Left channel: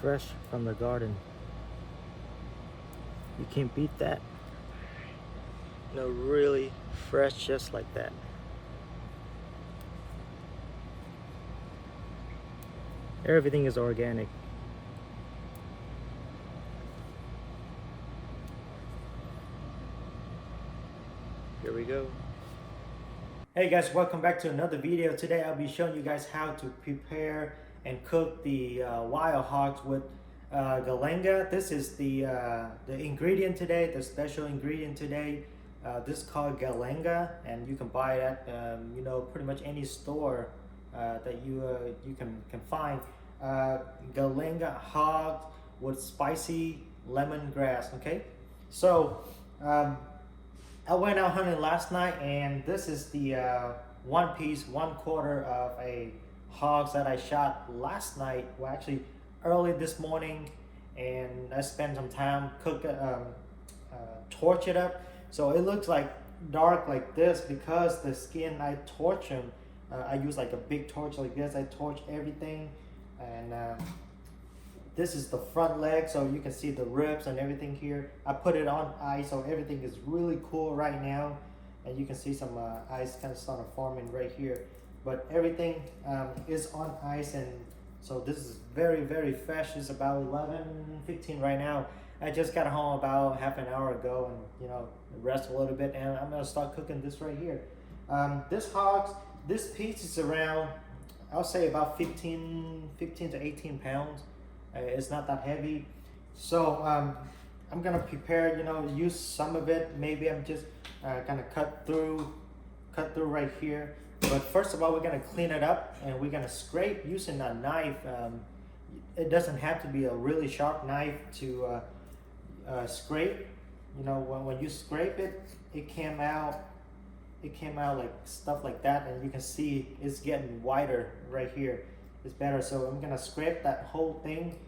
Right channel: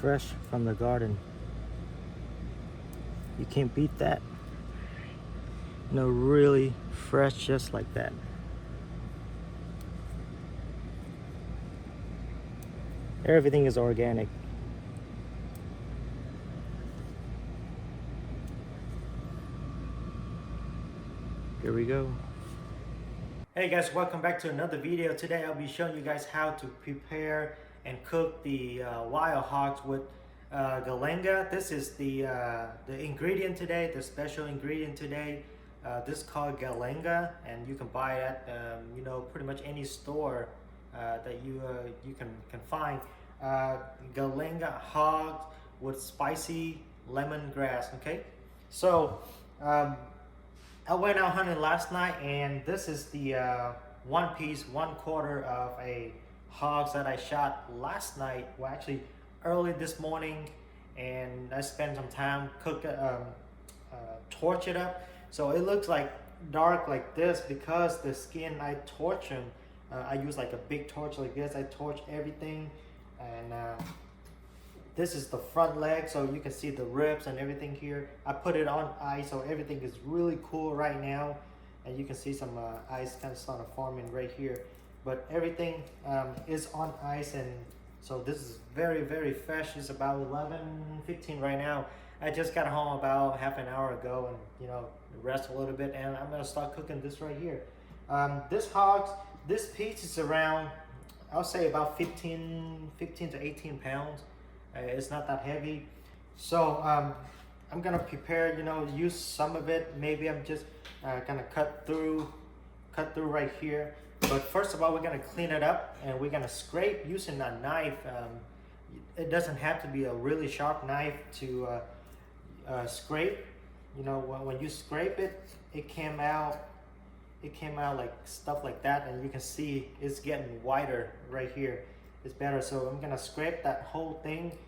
fresh from the garden. You can't beat that. You know, really fresh, just like that. Everything is organic. There we go. Hey guys, welcome back to another video. Today I'll be showing you guys how to prepare and cook the wild hogs with galanga. This is the ingredient today, the special ingredient today. This is called galanga, and you can buy it at you know, pretty much any store that you can find. Galanga hog with spicy lemongrass. Okay, so I went out hunting last night, and this is the 1/4 of a hog that I shot last night. Well, actually early this morning, and I spent some time torch it up, so it looks like dark like this because the skin I torch them. I use like a big torch like this. I torch everything, and this is the front leg, so you can see the ribs and everything here. I put it on ice, so everything is really cool right now, and you can see some ice kind of starting forming right here. But everything is on ice, and so this is very fresh. It's about 11:15 right now. I just got home about half an hour ago, and you know, rest a little bit, and I'm gonna start cooking this right here. This piece is around, I'll say about 15 to 18 pounds. It's not that heavy. So I'm gonna prepare, you know, use some of it. Maybe I'm just gonna cut through right here. But first of all, we're gonna clean it up, and we're gonna scrape using a knife. It doesn't have to be a really sharp knife to scrape. You know, when you scrape it, it came out like stuff like that, and you can see it's getting wider right here. It's better. So I'm gonna scrape that whole thing.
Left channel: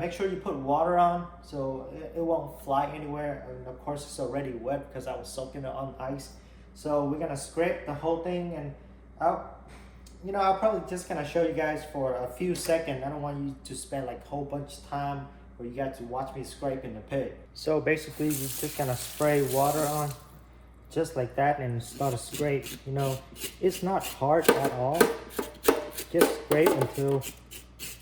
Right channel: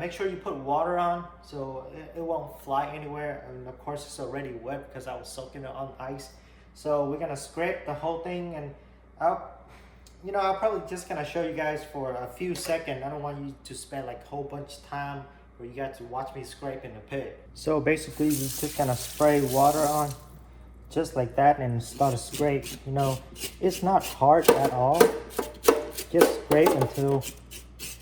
Make sure you put water on so it won't fly anywhere, and of course it's already wet because I was soaking it on ice. So we're gonna scrape the whole thing, and I'll probably just gonna show you guys for a few seconds. I don't want you to spend like a whole bunch of time where you got to watch me scraping the pig. So basically you're just gonna spray water on just like that and start to scrape. You know, it's not hard at all. Just scrape until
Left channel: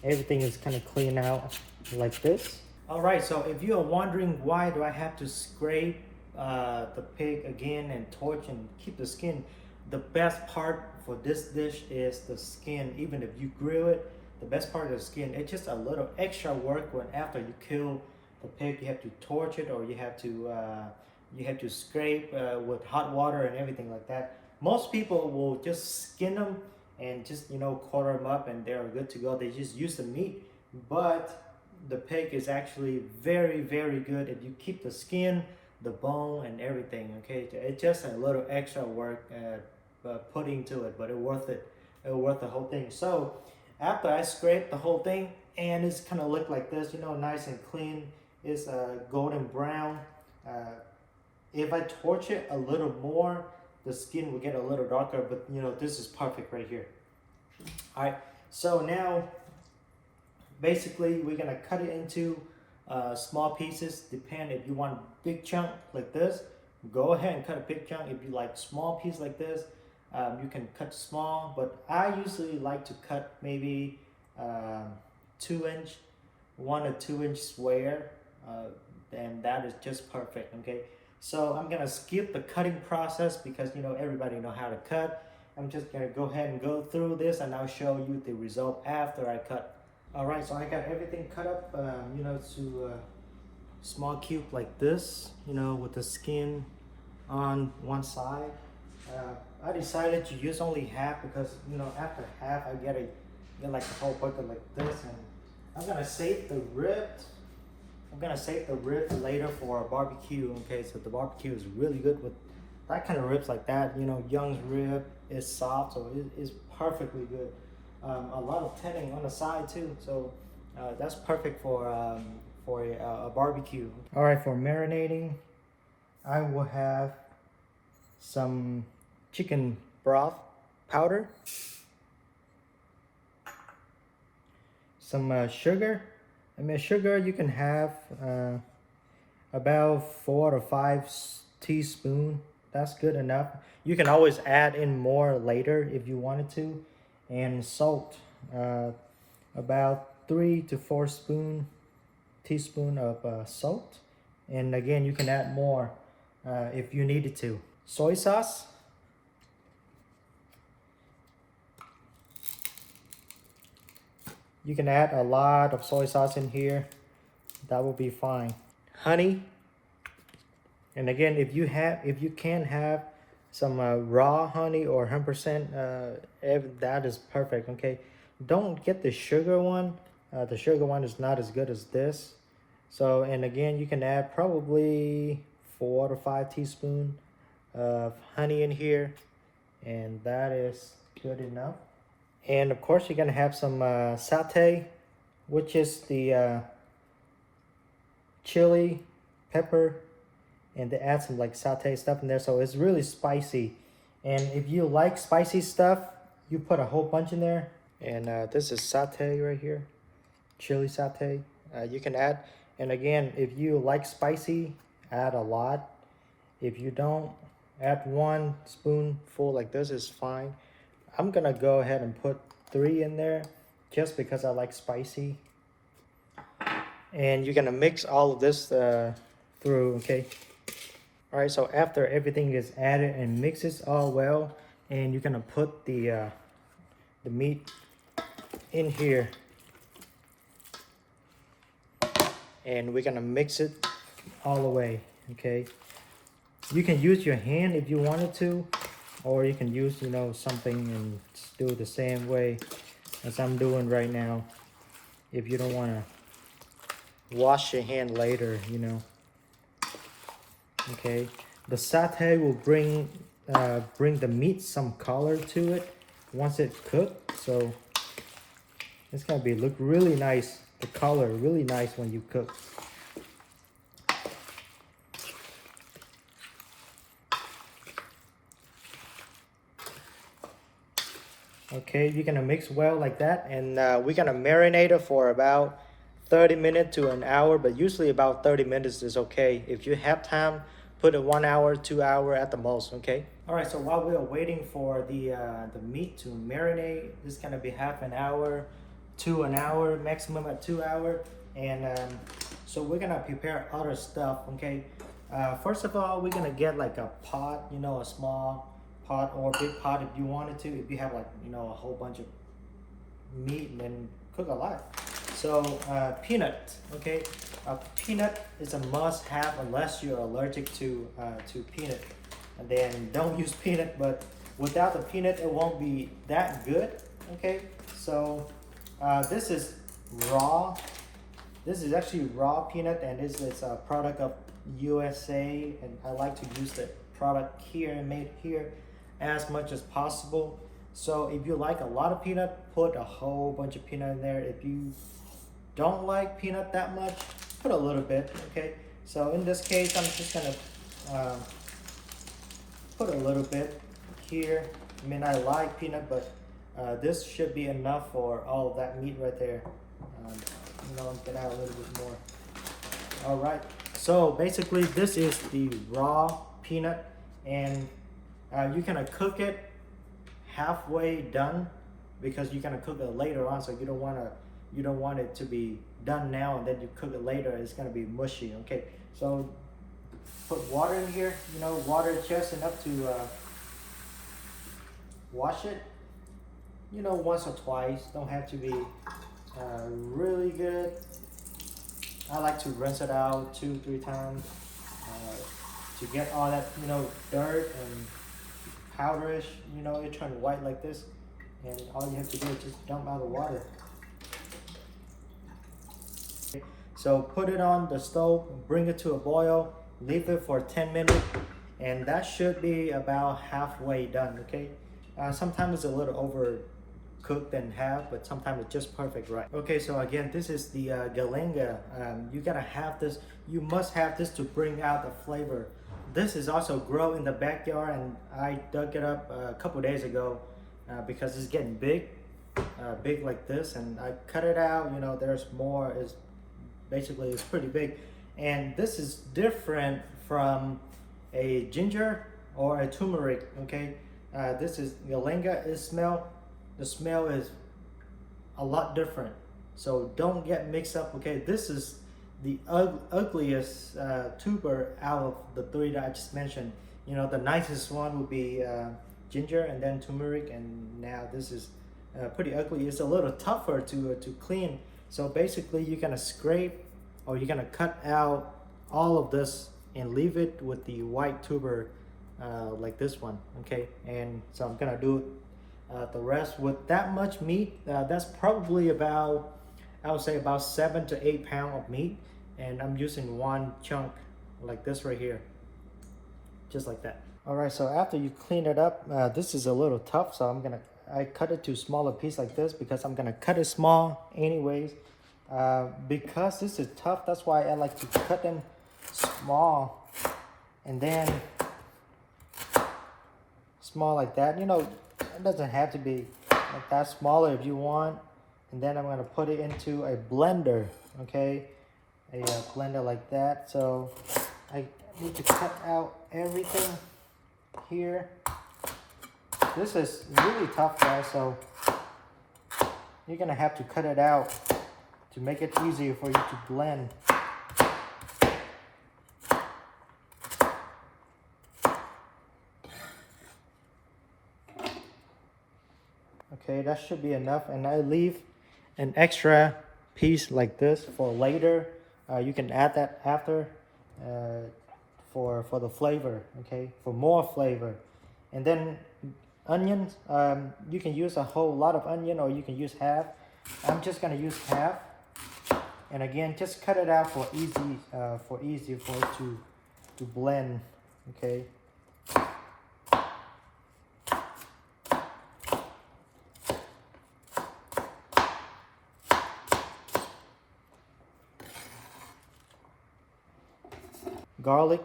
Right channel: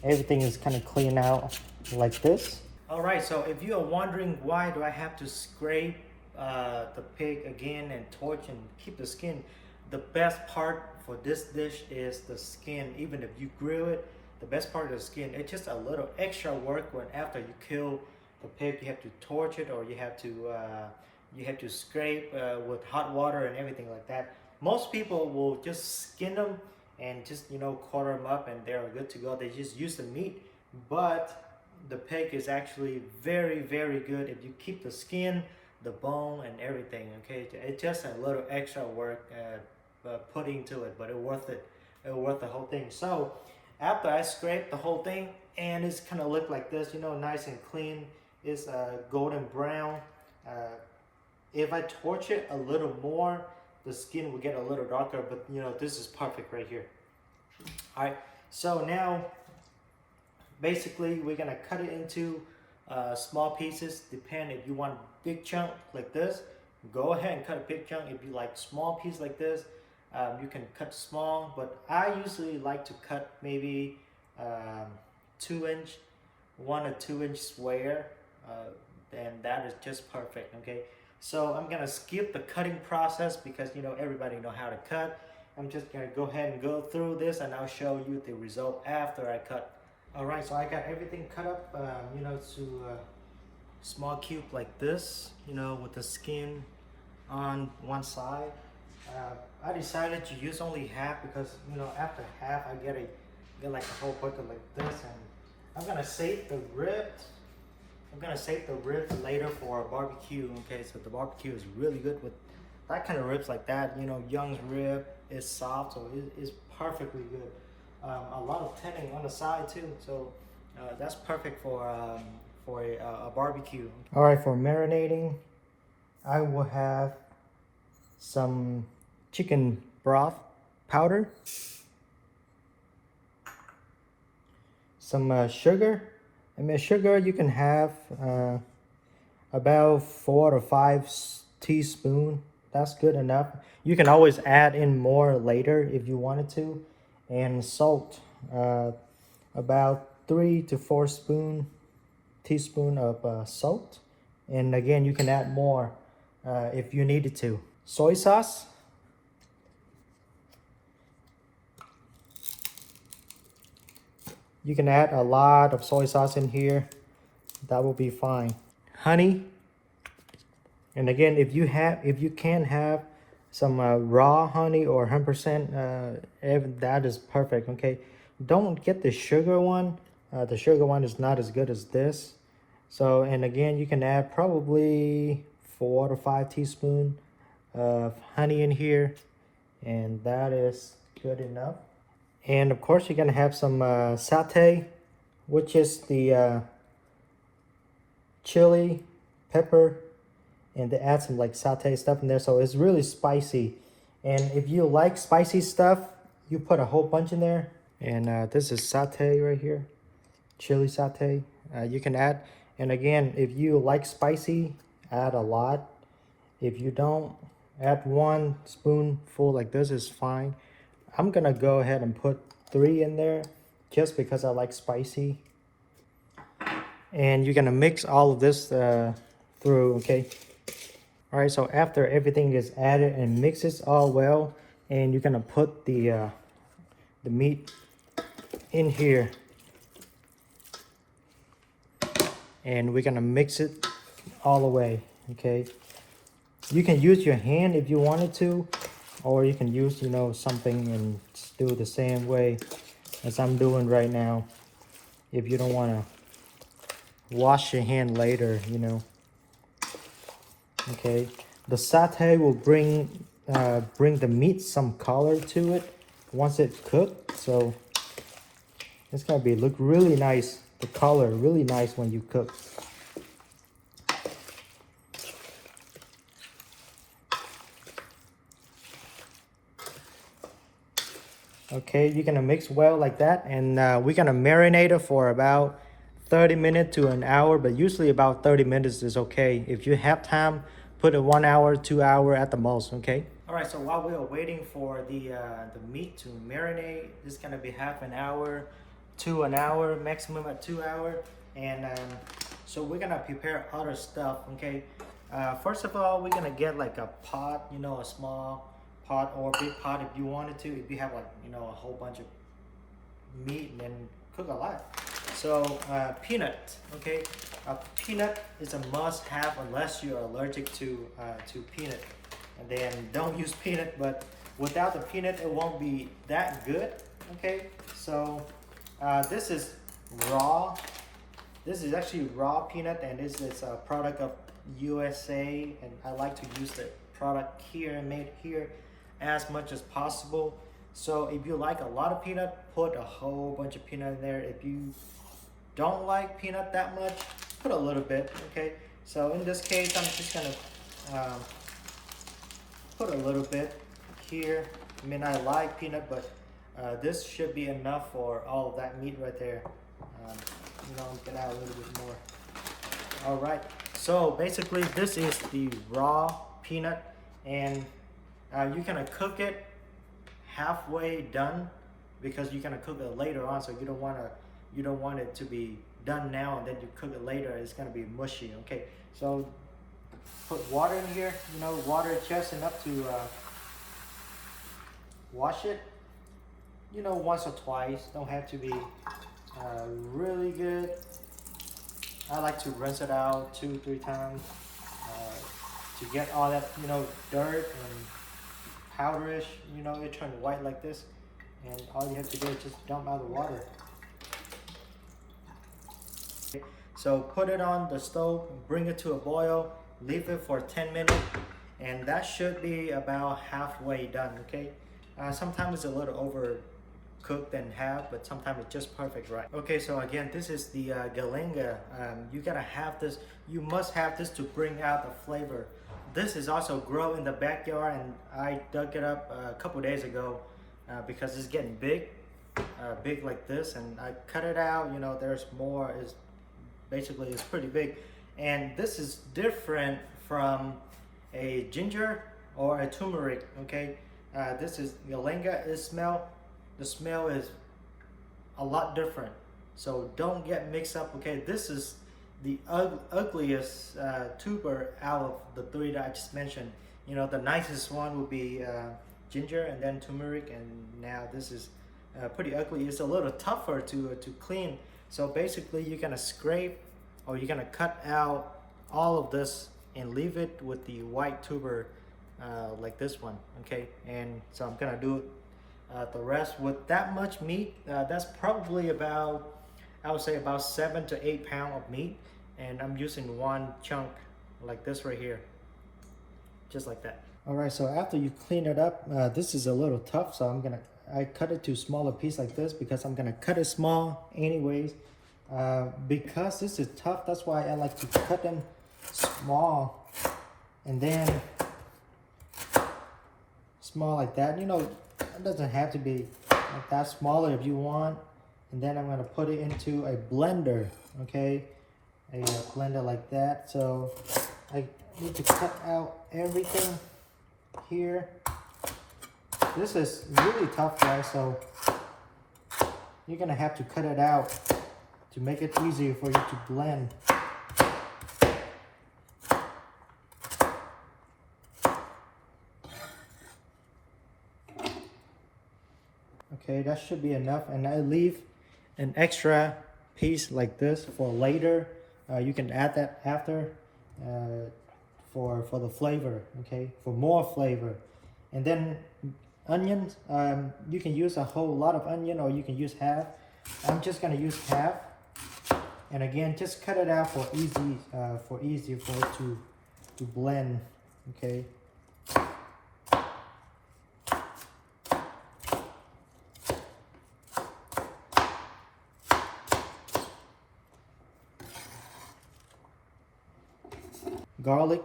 everything is kind of clean out like this. All right, so if you are wondering why do I have to scrape the pig again and torch and keep the skin, the best part for this dish is the skin. Even if you grill it, the best part of the skin, it's just a little extra work when after you kill the pig, you have to torch it, or you have to scrape with hot water and everything like that. Most people will just skin them and just, you know, quarter them up and they're good to go. They just use the meat, but the pig is actually very good if you keep the skin, the bone, and everything. Okay, it's just a little extra work put into it, but it's worth it. It's worth the whole thing. So after I scrape the whole thing, and it's kind of look like this, you know, nice and clean. It's golden brown. If I torch it a little more, the skin will get a little darker, but you know, this is perfect right here. All right, so now basically we're gonna cut it into small pieces. Depend if you want big chunk like this, go ahead and cut a big chunk. If you like small piece like this, you can cut small, but I usually like to cut maybe 2-inch, 1 or 2 inch square, and that is just perfect. Okay, so I'm gonna skip the cutting process because, you know, everybody know how to cut. I'm just gonna go ahead and go through this, and I'll show you the result after I cut. All right, so I got everything cut up, you know, to small cube like this, you know, with the skin on one side. I decided to use only half because, you know, after half I get like a whole bucket like this, and I'm gonna save the ribs. I'm gonna save the ribs later for a barbecue. Okay, so the barbecue is really good with that kind of ribs like that. You know, Young's rib is soft, so it is perfectly good. A lot of tending on the side too, so that's perfect for a barbecue. All right, for marinating, I will have some chicken broth powder, some sugar, I mean, sugar you can have about 4 to 5 teaspoons. That's good enough. You can always add in more later if you wanted to. And salt, about 3 to 4 teaspoon of salt. And again, you can add more if you needed to. Soy sauce. You can add a lot of soy sauce in here. That will be fine. Honey. And again, if you can have some raw honey or 100%, that is perfect. Okay, don't get the sugar one. The sugar one is not as good as this. So, and again, you can add probably 4 to 5 teaspoons of honey in here, and that is good enough. And of course, you're gonna have some satay, which is the chili, pepper, and they add some like satay stuff in there, so it's really spicy. And if you like spicy stuff, you put a whole bunch in there. And this is satay right here, chili satay. You can add, and again, if you like spicy, add a lot. If you don't, add 1 spoonful like this is fine. I'm gonna go ahead and put 3 in there just because I like spicy. And you're gonna mix all of this through, okay? All right, so after everything is added and mixes all well, and you're gonna put the meat in here. And we're gonna mix it all the way, okay? You can use your hand if you wanted to, or you can use, you know, something and do it the same way as I'm doing right now. If you don't wanna wash your hand later, you know. Okay, the satay will bring the meat some color to it once it's cooked, so it's gonna look really nice. The color really nice when you cook. Okay, you're gonna mix well like that, and we're gonna marinate it for about 30 minutes to an hour, but usually about 30 minutes is okay. If you have time, put it 1 hour, 2 hours at the most, okay? All right, so while we are waiting for the meat to marinate, it's gonna be half an hour to an hour, maximum at 2 hours. And so we're gonna prepare other stuff, okay? First of all, we're gonna get like a pot, you know, a small pot or a big pot if you wanted to. If you have like, you know, a whole bunch of meat and then cook a lot. So peanut, okay? Peanut is a must-have unless you're allergic to peanut. And then don't use peanut, but without the peanut, it won't be that good, okay? So this is raw. This is actually raw peanut, and this is a product of USA, and I like to use the product here and made here as much as possible. So if you like a lot of peanut, put a whole bunch of peanut in there. If you don't like peanut that much, put a little bit, okay? So in this case, I'm just gonna put a little bit here. I mean, I like peanut, but this should be enough for all of that meat right there. You know, get out a little bit more. All right, so basically this is the raw peanut, and you're gonna cook it halfway done because you're gonna cook it later on, so you don't want it to be done now and then you cook it later. It's gonna be mushy. Okay, so put water in here, you know, water just enough to wash it, you know, once or twice. Don't have to be really good. I like to rinse it out 2-3 times to get all that, you know, dirt and powderish, you know, it turns white like this, and all you have to do is just dump out the water. So put it on the stove, bring it to a boil, leave it for 10 minutes, and that should be about halfway done, okay? Sometimes it's a little overcooked and half, but sometimes it's just perfect, right? Okay, so again, this is the galinga. You gotta have this, you must have this to bring out the flavor. This is also grow in the backyard, and I dug it up a couple days ago because it's getting big like this, and I cut it out. You know, there's more. Basically, it's pretty big. And this is different from a ginger or a turmeric, okay? This is Ylenga the smell is a lot different. So don't get mixed up, okay? This is the ugliest tuber out of the three that I just mentioned. You know, the nicest one would be ginger and then turmeric, and now this is pretty ugly. It's a little tougher to clean. So basically you're gonna scrape or you're gonna cut out all of this and leave it with the white tuber like this one, okay? And so I'm gonna do the rest with that much meat. That's probably about, I would say about 7 to 8 pounds of meat, and I'm using one chunk like this right here, just like that. All right, so after you clean it up, this is a little tough, so I cut it to smaller piece like this because I'm gonna cut it small anyways. Because this is tough, that's why I like to cut them small, and then small like that. You know, it doesn't have to be like that, smaller if you want. And then I'm gonna put it into a blender, okay? A blender like that. So I need to cut out everything here. This is really tough, guys, so you're gonna have to cut it out to make it easier for you to blend. Okay, that should be enough, and I leave an extra piece like this for later. You can add that after for the flavor, okay, for more flavor. And then onions, you can use a whole lot of onion or you can use half. I'm just gonna use half, and again, just cut it out for easy for it to blend, okay. Garlic,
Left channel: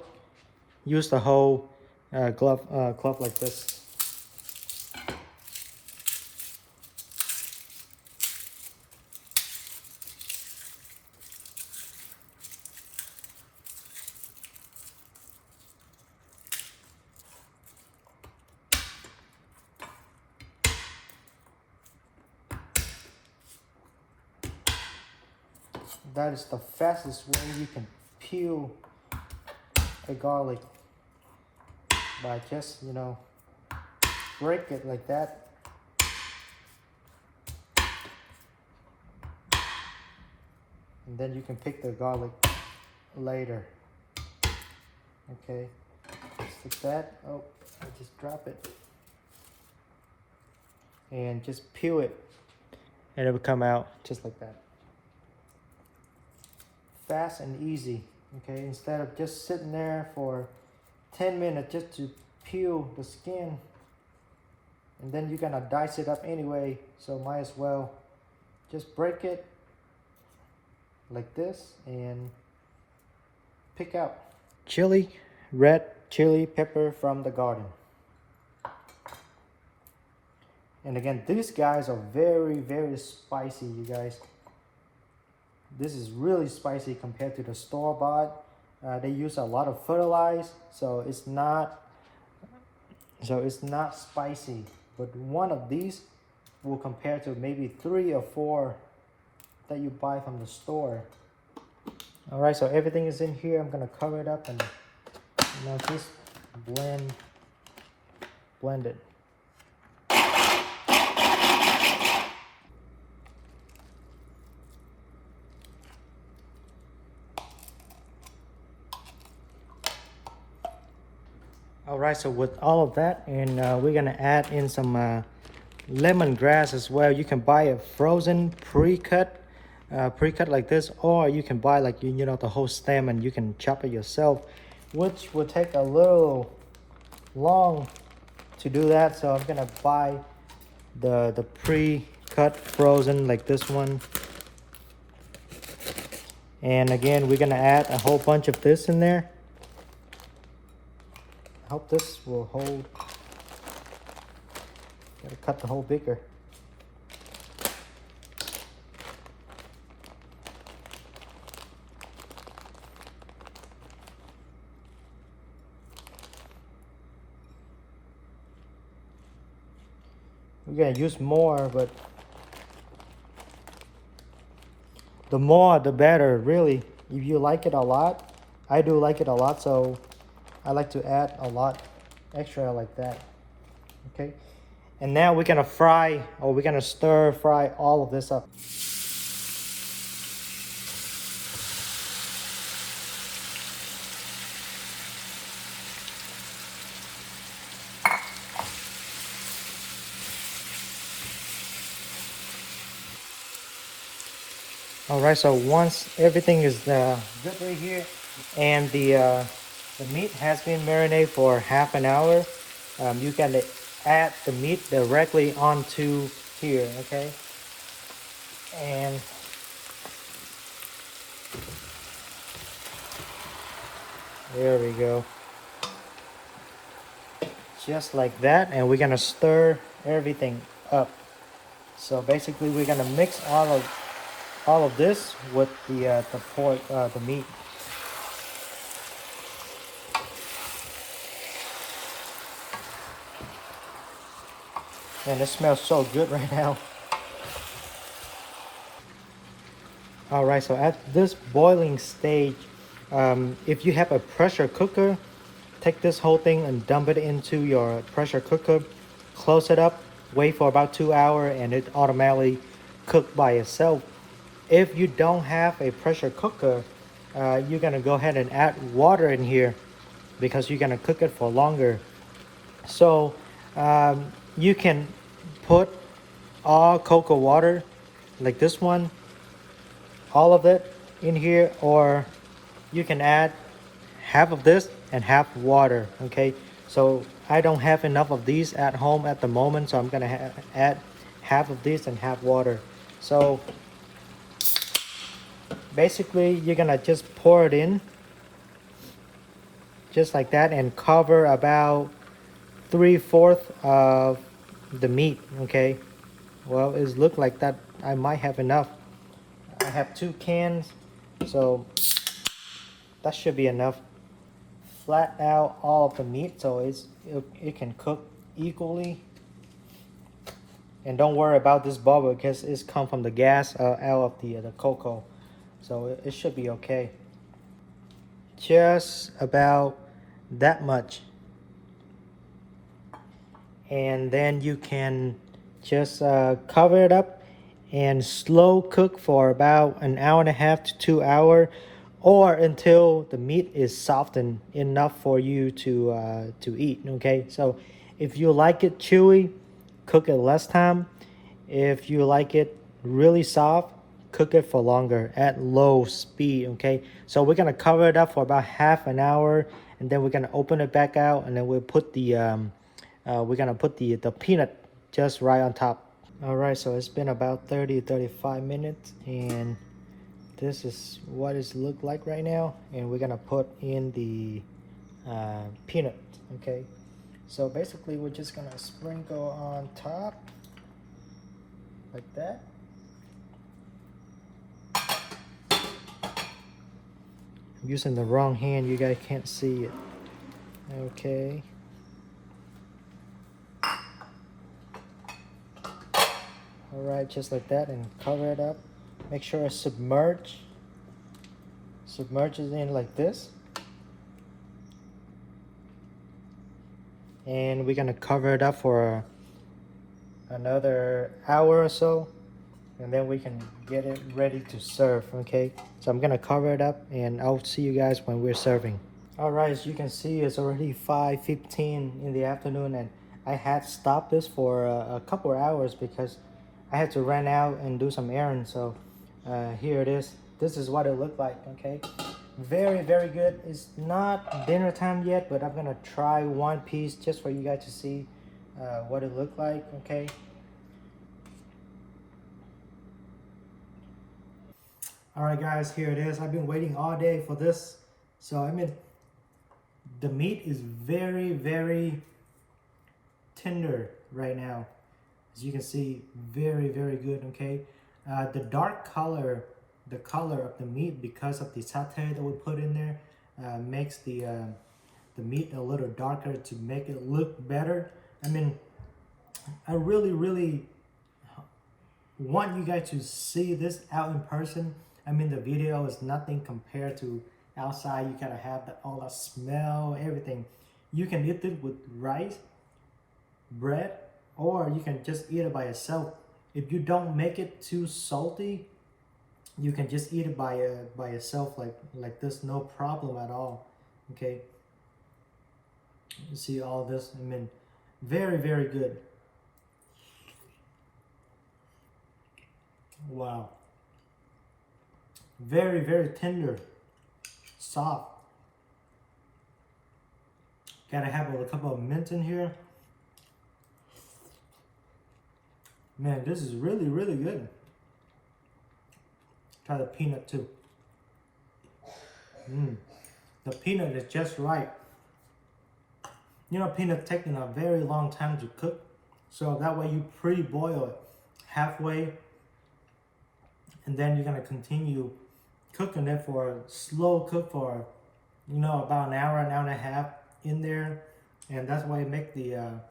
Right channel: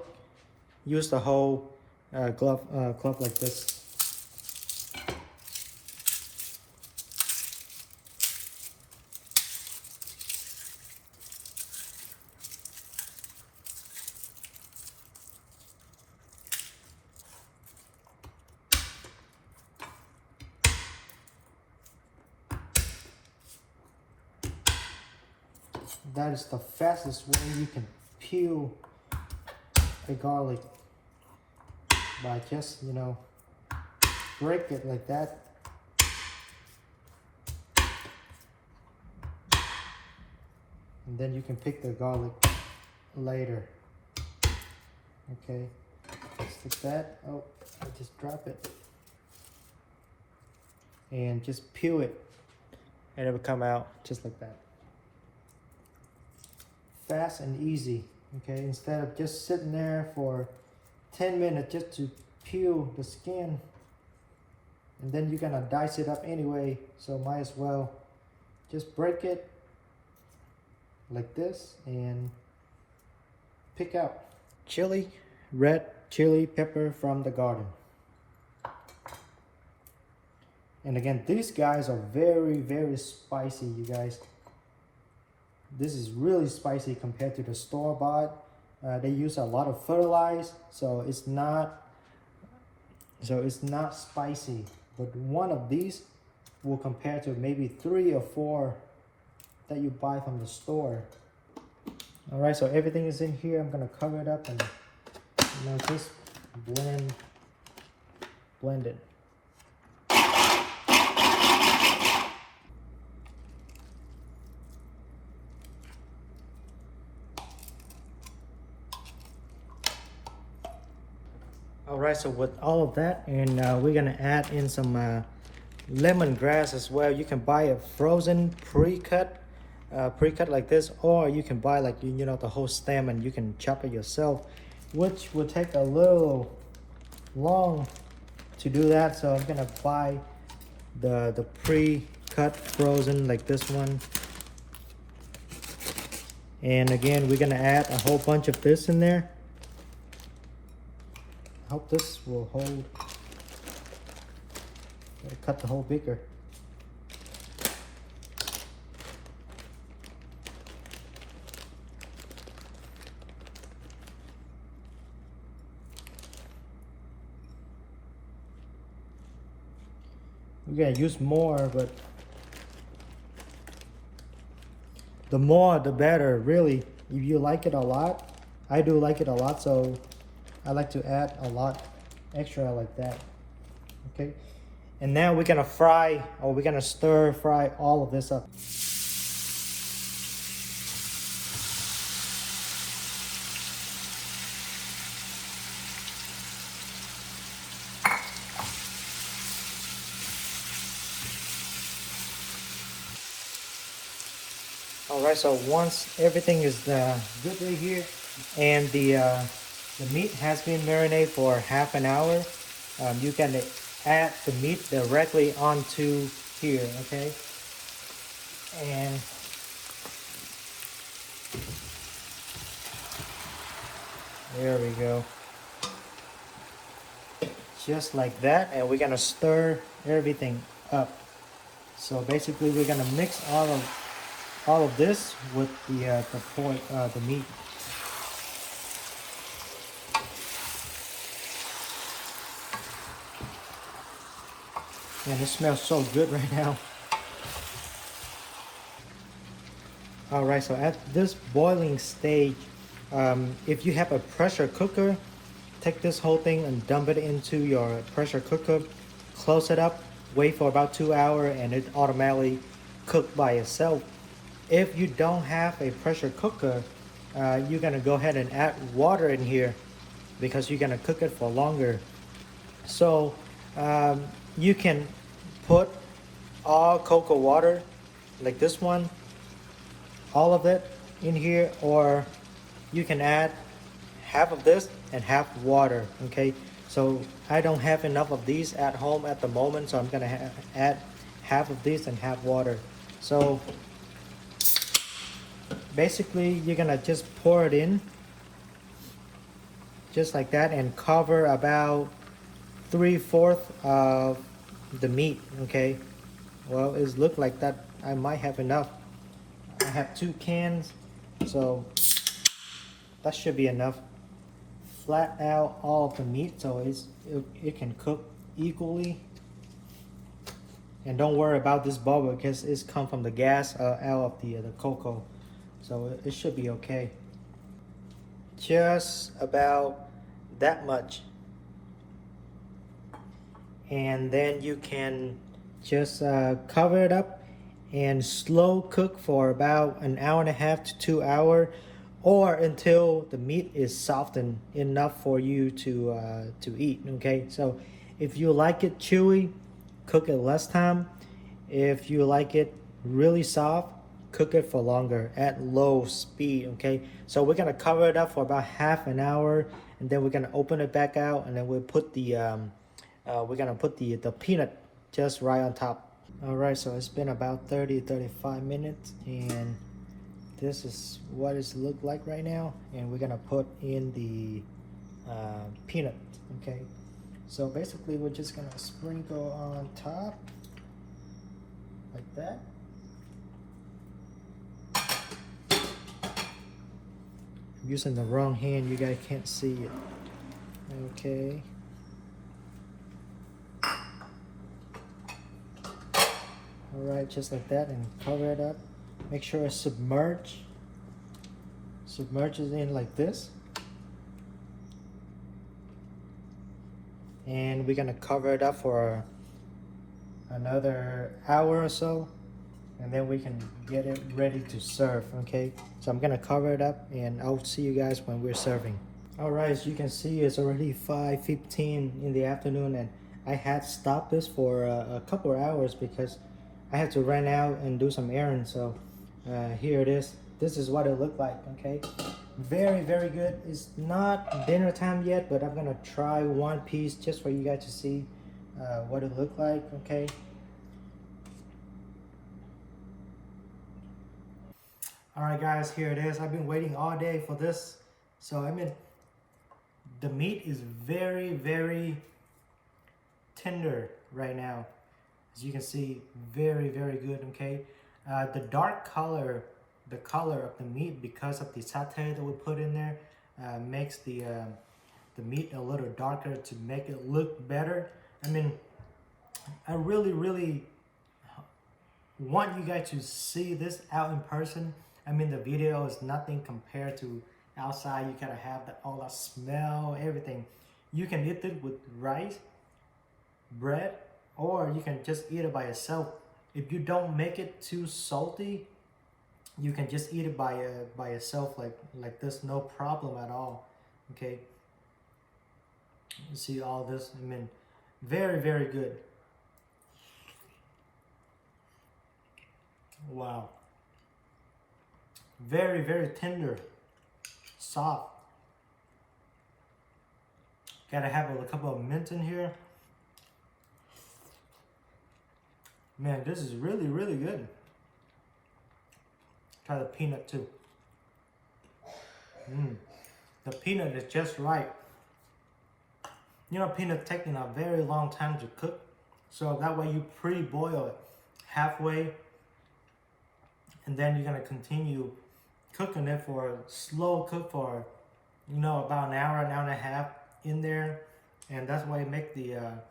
use the whole clove like this. That is the fastest way you can peel a garlic, by just, you know, break it like that. And then you can pick the garlic later. Okay, just like that. Oh, I just drop it. And just peel it, and it will come out just like that. Fast and easy. Okay, instead of just sitting there for 10 minutes just to peel the skin, and then you're gonna dice it up anyway, so might as well just break it like this and pick out. Chili, red chili pepper from the garden. And again, these guys are very, very spicy, you guys. This is really spicy compared to the store-bought. They use a lot of fertilizer, so it's not spicy. But one of these will compare to maybe 3 or 4 that you buy from the store. All right, so everything is in here. I'm gonna cover it up and, you know, just blend it. All right, so with all of that, and we're gonna add in some lemongrass as well. You can buy a frozen pre-cut like this, or you can buy like you know the whole stem and you can chop it yourself, which will take a little long to do that. So I'm gonna buy the pre-cut frozen like this one, and again we're gonna add a whole bunch of this in there. Hope this will hold. Gotta cut the hole bigger. we're gonna use more, but the more the better, really. If you like it a lot, I do like it a lot, so I like to add a lot extra like that. Okay, and now we're gonna fry, or we're gonna stir fry all of this up. All right, so once everything is good right here, and the meat has been marinated for half an hour, you can add the meat directly onto here, okay? And there we go. Just like that, and we're gonna stir everything up. So basically we're gonna mix all of this with the pork, the meat. And it smells so good right now. All right, so at this boiling stage, if you have a pressure cooker, take this whole thing and dump it into your pressure cooker, close it up, wait for about 2 hours, and it automatically cook by itself. If you don't have a pressure cooker, you're gonna go ahead and add water in here because you're gonna cook it for longer. So you can put all cocoa water like this one, all of it in here, or you can add half of this and half water. Okay, so I don't have enough of these at home at the moment, so I'm gonna add half of this and half water. So basically you're gonna just pour it in just like that and cover about 3/4 of the meat. Okay, well, it look like that I might have enough. I have 2 cans, so that should be enough. Flat out all of the meat so it can cook equally. And don't worry about this bubble because it's come from the gas out of the cocoa, so it should be okay. Just about that much. And then you can just cover it up and slow cook for about 1.5 to 2 hours, or until the meat is softened enough for you to eat. Okay, so if you like it chewy, cook it less time. If you like it really soft, cook it for longer at low speed. Okay, so we're gonna cover it up for about half an hour, and then we're gonna open it back out, and then we'll put we're gonna put the peanut just right on top. All right, so it's been about 30-35 minutes, and this is what it's looked like right now. And we're gonna put in the peanut. Okay, so basically we're just gonna sprinkle on top like that. I'm using the wrong hand, you guys can't see it. Okay, all right, just like that, and cover it up. Make sure it's submerges in like this. And we're gonna cover it up for another hour or so, and then we can get it ready to serve. Okay, so I'm gonna cover it up, and I'll see you guys when we're serving. All right, as you can see, it's already 5:15 in the afternoon, and I had stopped this for a couple of hours because I had to run out and do some errands. So here it is. This is what it looked like. Okay, very good. It's not dinner time yet, but I'm gonna try one piece just for you guys to see what it looked like. Okay, all right guys, here it is. I've been waiting all day for this. So I mean, the meat is very tender right now. As you can see, very good. Okay, the dark color, the color of the meat, because of the satay that we put in there, makes the meat a little darker to make it look better. I mean, I really want you guys to see this out in person. I mean, the video is nothing compared to outside. You gotta have all that smell, everything. You can eat it with rice, bread, or you can just eat it by itself. If you don't make it too salty, you can just eat it by itself like this, no problem at all. Okay. You see all this? I mean, very good. Wow. Very tender, soft. Gotta have a couple of mint in here. Man, this is really good. Try the peanut too. The peanut is just right. You know, peanut taking a very long time to cook, so that way you pre-boil it halfway, and then you're gonna continue cooking it for a slow cook for, you know, about an hour and a half in there, and that's why make the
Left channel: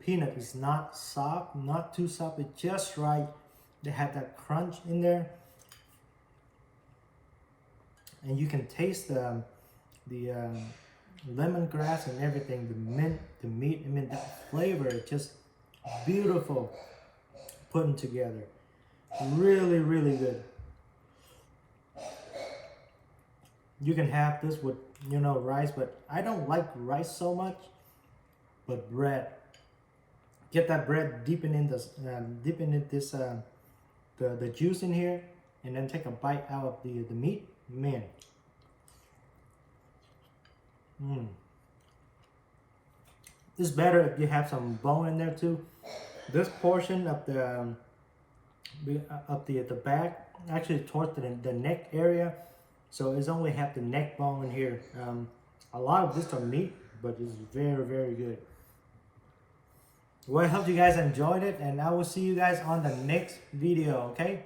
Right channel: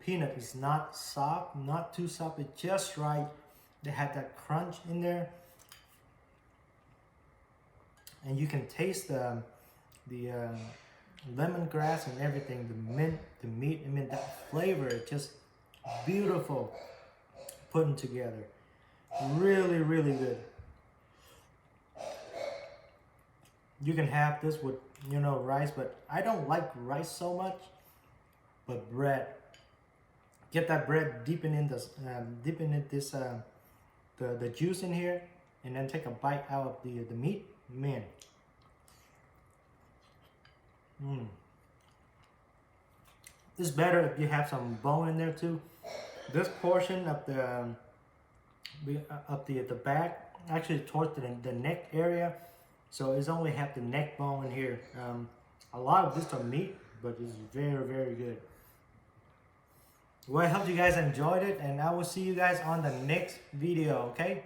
peanut is not soft, not too soft, it's just right. They have that crunch in there, and you can taste the lemongrass and everything, the mint, the meat. I mean, that flavor is just beautiful, putting together. Really good. You can have this with, you know, rice, but I don't like rice so much. But bread, get that bread deepen in this, the juice in here, and then take a bite out of the meat. Man. It's better if you have some bone in there too. This portion of the back, actually towards the neck area, so it's only have the neck bone in here. A lot of this are meat, but it's very good. Well, I hope you guys enjoyed it, and I will see you guys on the next video, okay?